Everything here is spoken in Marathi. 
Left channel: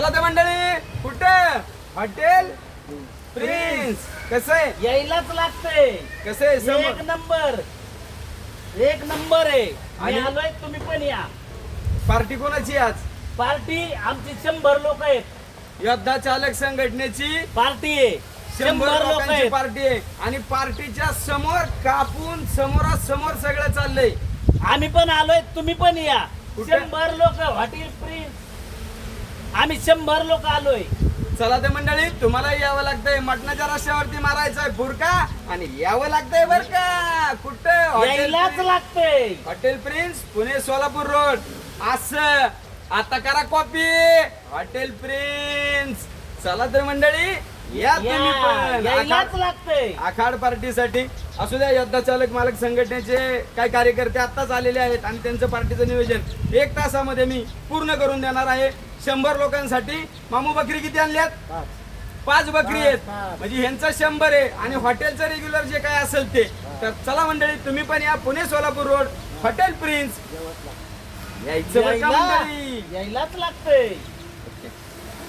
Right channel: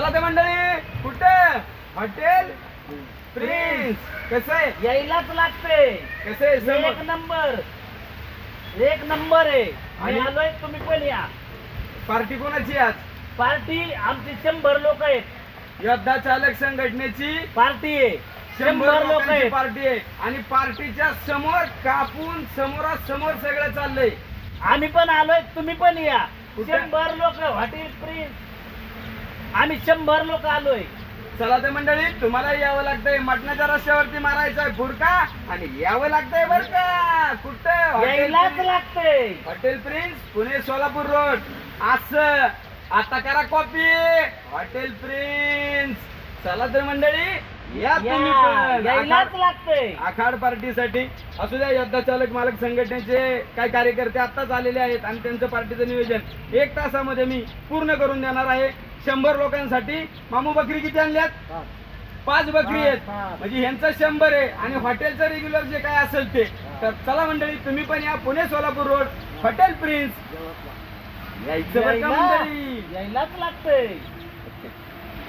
चला ते मंडळी कुठं? हॉटेल? प्रिन्स. कसं आहे? यायलाच लागते कसं आहे? एक नंबर. एक नंबर आहे. आणि- आणि? आलोय तुम्ही पण या. पार्टी कोणाची आज? पार्टी आमची शंभर लोक आहेत. योद्धा चालक संघटनेची पार्टी आहे. शंभर शंभर लोक लोकांची आहेत. पार्टी आहे. आणि पार्टीच्या समोर कापून समोरासमोर सगळं चाललंय. आम्ही पण आलोय तुम्ही पण या. कुठे? शंभर लोक हॉटेल प्रिन्स. आम्ही शंभर लोक आलोय. चला ते मंडळी तुम्हाला यावं लागतंय मटणाच्या रस्त्यावरती मारायचा फुरका आणि यावं लागतंय बर का कुठं? हॉटेल यायलाच प्रिन्स- लागते hotel Prince Pune Solapur road. असं. आता करा कॉपी. Hotel prince. चला तर मंडळी या तुम्ही पण. यायलाच आखाड- लागते आखाड पार्टीसाठी. असू द्या योद्धा चालक मालक संघटनेचे काही कार्यकर्ते आत्ताच आलेले आहेत आणि त्यांचं पार्टीचं नियोजन एक तासामध्ये मी पूर्ण करून देणार आहे. शंभर लोकांसाठी. मामू बकरी किती आणल्यात? पाच. बकरी आहेत. म्हणजे ह्यांचं शंभर आहे. आणि हॉटेलचं रेग्युलर जे काही असेल ते. तर चला मंडळी तुम्ही पण या Pune Solapur road hotel Prince. यायचं बरं का यायला- मंडळी? यायलाच लागते